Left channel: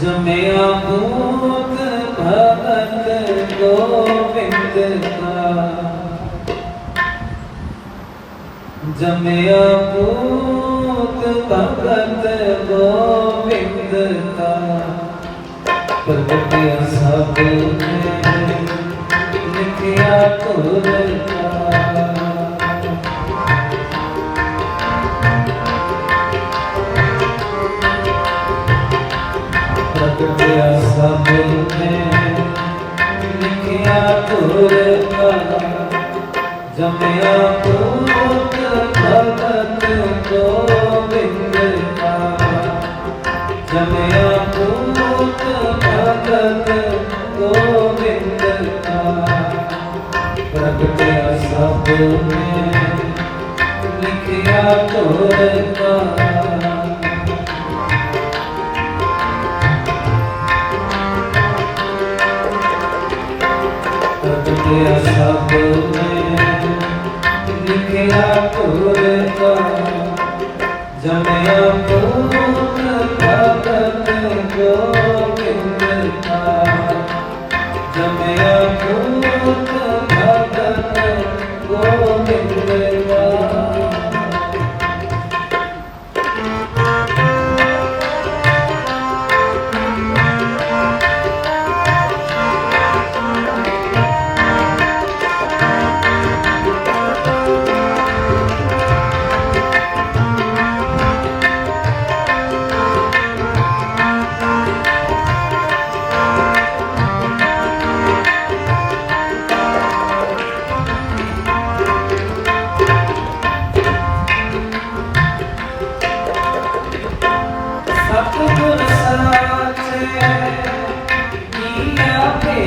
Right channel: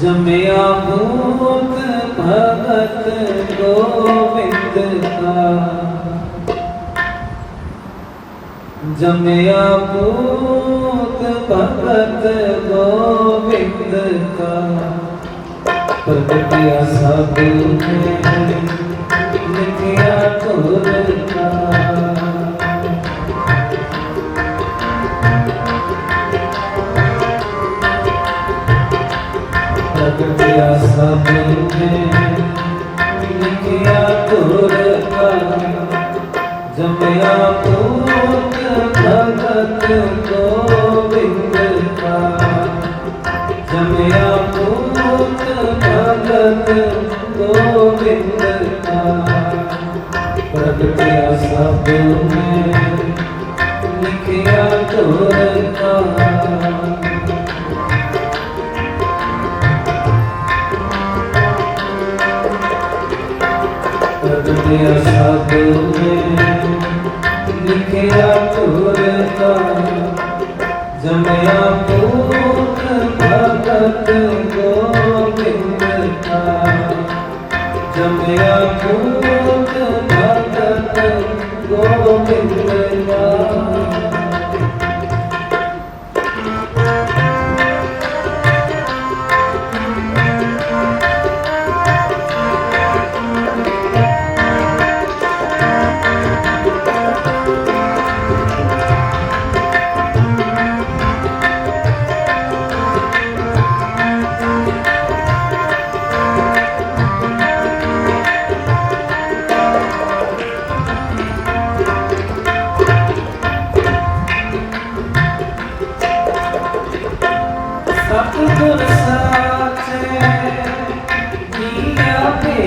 ਜਮਿਆ ਭੂਤ ਭਗਤ ਗੋਬਿੰਦ ਕਾ। ਜਮਿਆ ਭੂਤ ਭਗਤ ਗੋਬਿੰਦ ਕਾ। ਪ੍ਰਗਟਿਆ ਸਭ ਨੇ ਲਿਖਿਆ ਤੁਰ ਕਾ। ਪ੍ਰਗਟਿਆ ਸਭ ਨੇ ਲਿਖਿਆ ਤੁਰ ਕਾ ਜਮਿਆ ਪੁੱਤ ਭਗਤ ਗੋਬਿੰਦ ਕਾ ਜਮਿਆ ਪੁੱਤ ਭਗਤ ਗੋਬਿੰਦ ਕਾ ਪ੍ਰਗਟਿਆ ਸਭ ਨੇ ਲਿਖਿਆ ਤੁਰ ਕਾ ਪ੍ਰਗਟਿਆ ਸਭ ਨੇ ਲਿਖਿਆ ਤੁਰ ਜਮਿਆ ਪੁੱਤ ਭਗਤ ਗੋਬਿੰਦ ਜਮਿਆ ਪੁੱਤ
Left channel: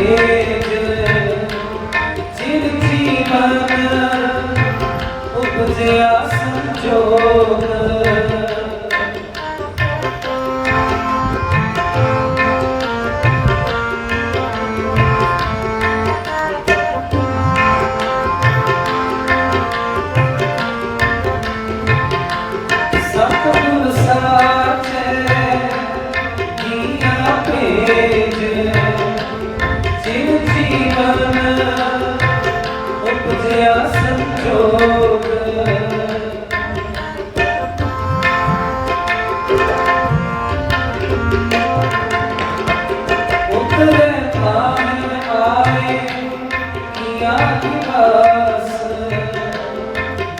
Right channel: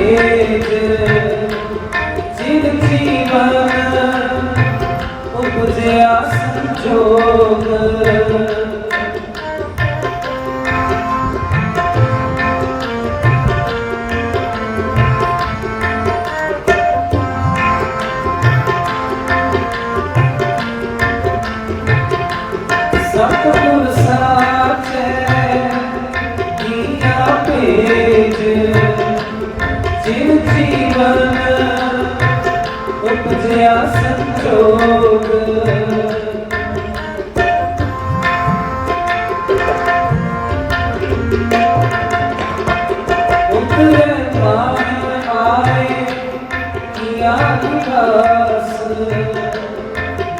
Amen.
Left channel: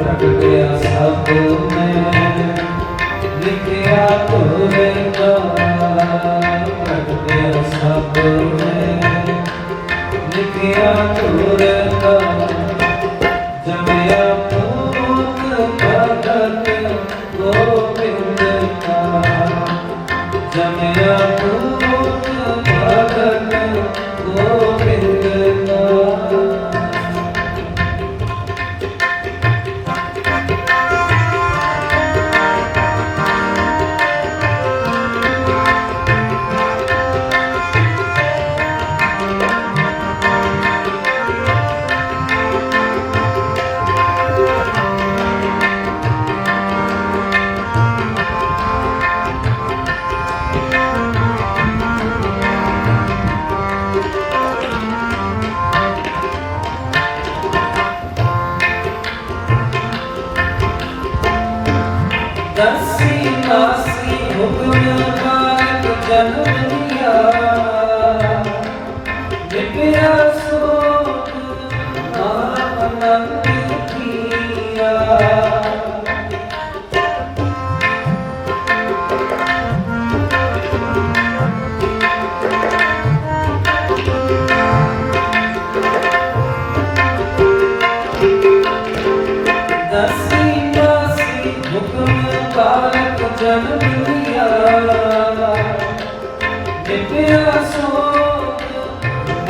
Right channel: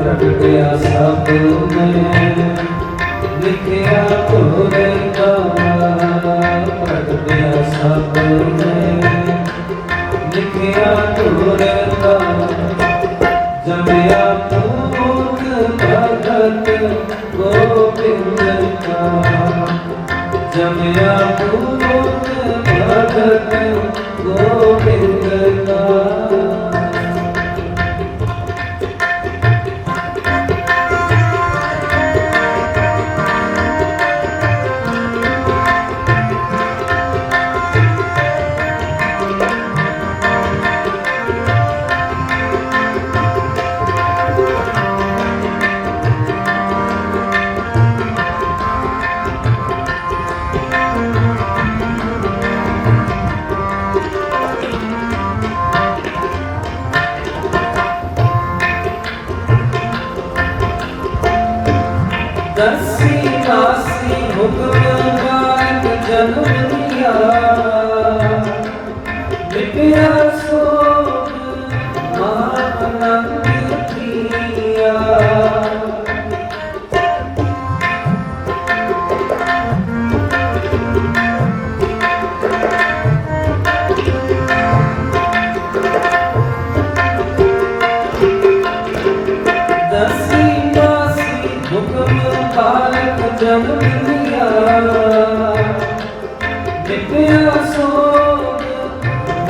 ਪ੍ਰਗਟਿਆ ਸਭ ਨੇ ਲਿਖਿਆ ਤੁਰ ਕਾ ਪ੍ਰਗਟਿਆ ਸਭ ਨੇ ਲਿਖਿਆ ਤੁਰ ਕਾ ਜਮਿਆ ਪੁੱਤ ਭਗਤ ਗੋਬਿੰਦ ਕਾ ਜਮਿਆ ਪੁੱਤ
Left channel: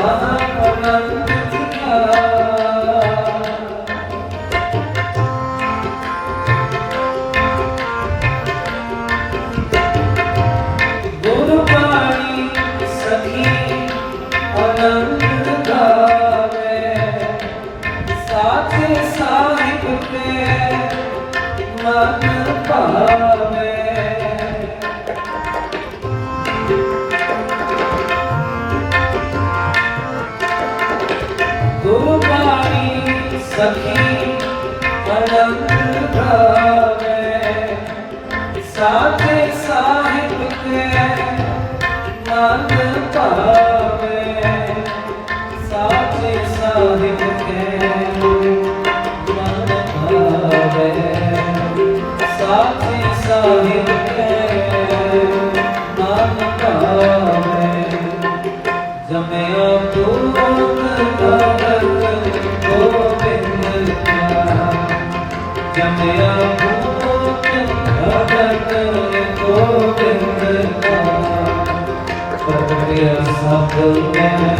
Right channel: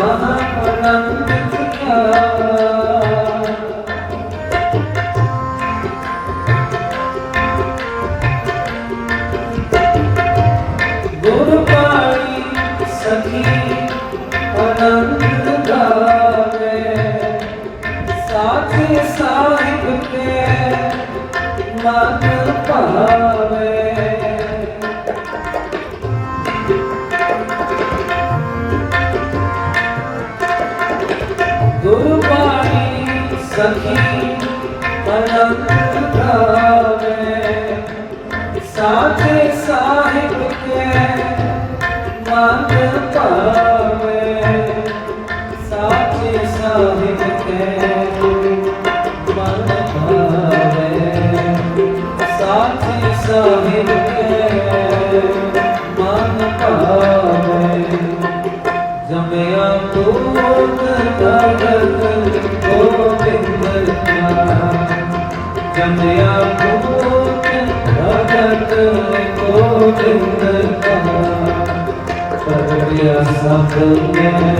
Bye. ਸਖੀ ਅਨੰਦ ਗਾਵੇ ਸਾਥੇ ਸਾਹਿਬ ਕੇ ਮਨ ਭਾਵੇ ਸਾਥੇ ਸਾਹਿਬ ਕੇ ਮਨ ਭਾਵੇ ਸਾਥੇ ਸਾਹਿਬ ਕੇ ਪਵਿਆ ਸਭ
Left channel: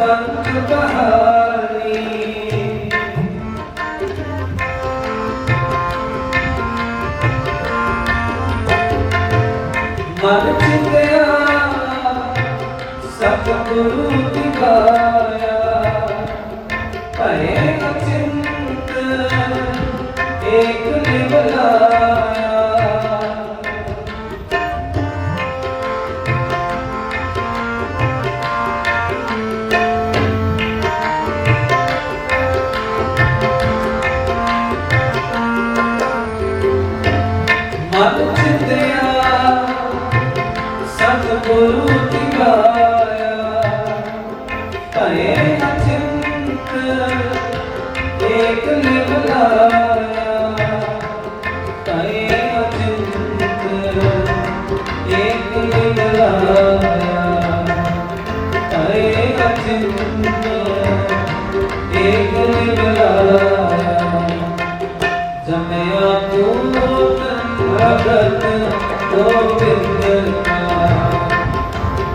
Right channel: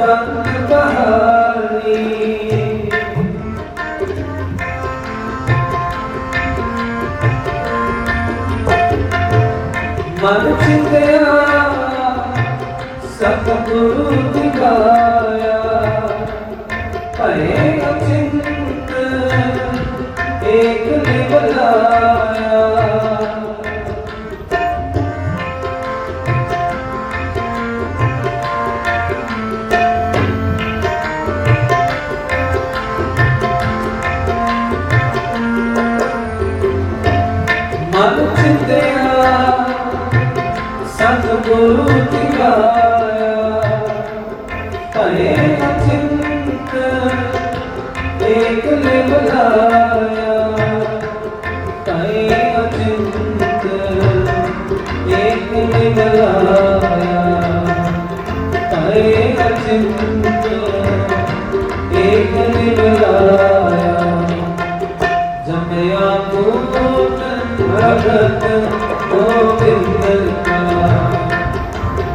ਬੰਦ ਬਹਾਨੀ ਮਨ ਚਿੰਤਿਆ ਸਤਿਗੁਰੂ ਦਿਵਾਇਆ ਭਏ ਅਚਿੰਤ ਏਕ ਨਿਵਲਾਇਆ ਜਮਿਆ ਪੁਰਖ ਭਗਤ ਗੋਬਿੰਦ ਕਾ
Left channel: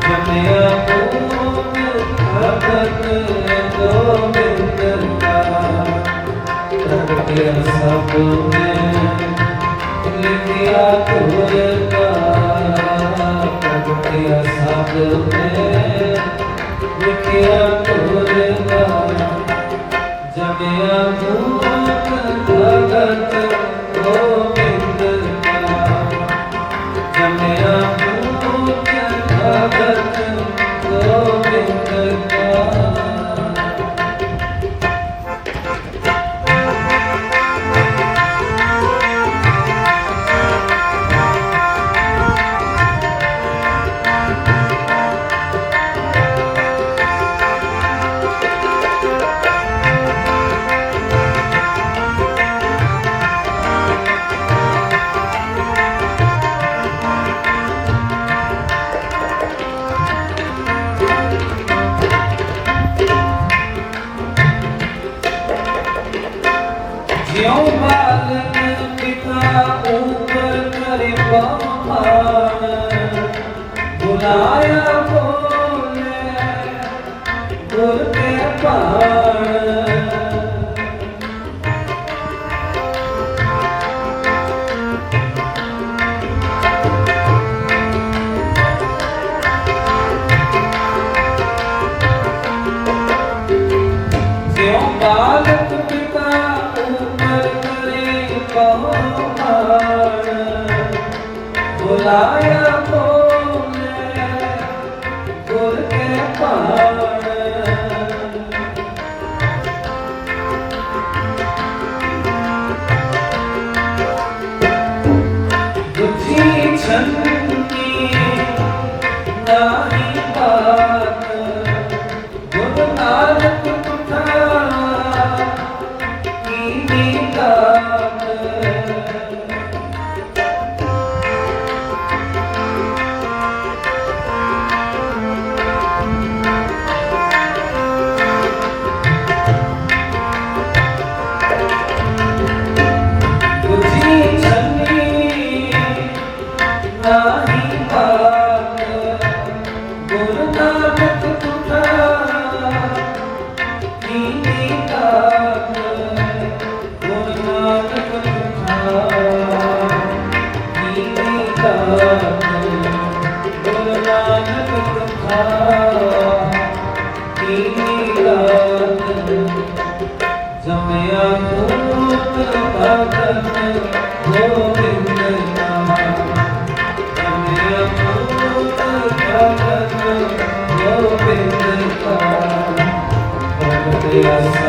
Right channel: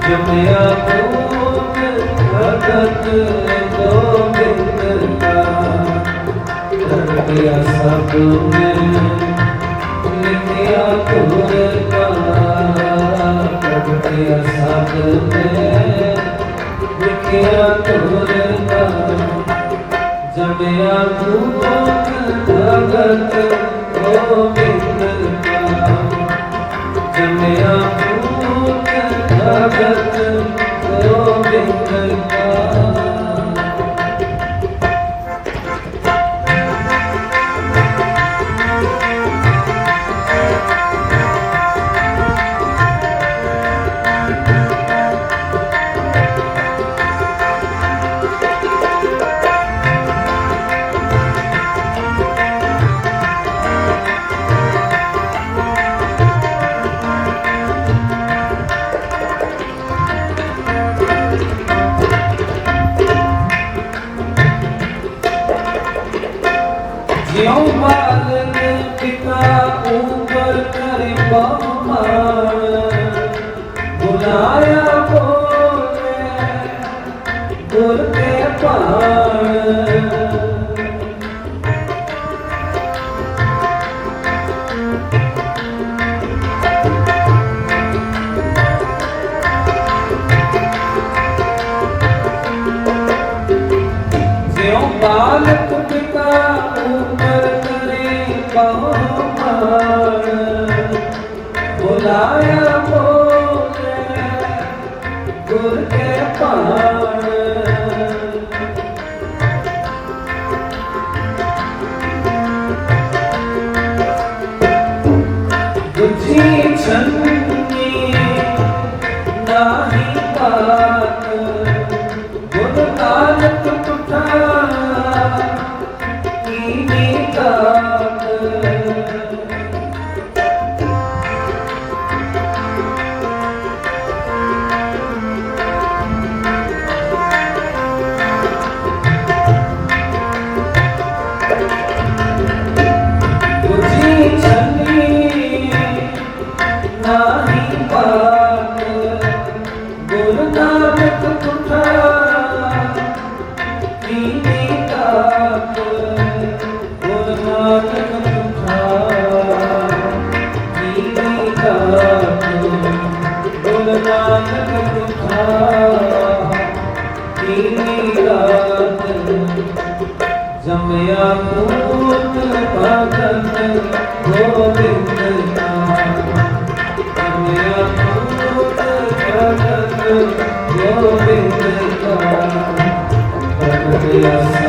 ਜਮਿਆ ਪੁਰਖ ਭਗਤ ਗੋਬਿੰਦ ਕਾ ਰੰਗਿਆ ਸਭ ਨੇ ਲਿਖਿਆ ਗੁਰ ਕਾ ਰੰਗਿਆ ਸਭ ਨੇ ਲਿਖਿਆ ਗੁਰ ਕਾ ਜਮਿਆ ਪੁਰਖ ਭਗਤ ਗੋਬਿੰਦ ਜਾਇਆ ਕੋਲੇ ਗੁਰ ਕੇ ਪਾਣ Lion. かな。Thank you.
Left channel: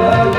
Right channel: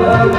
Yeah.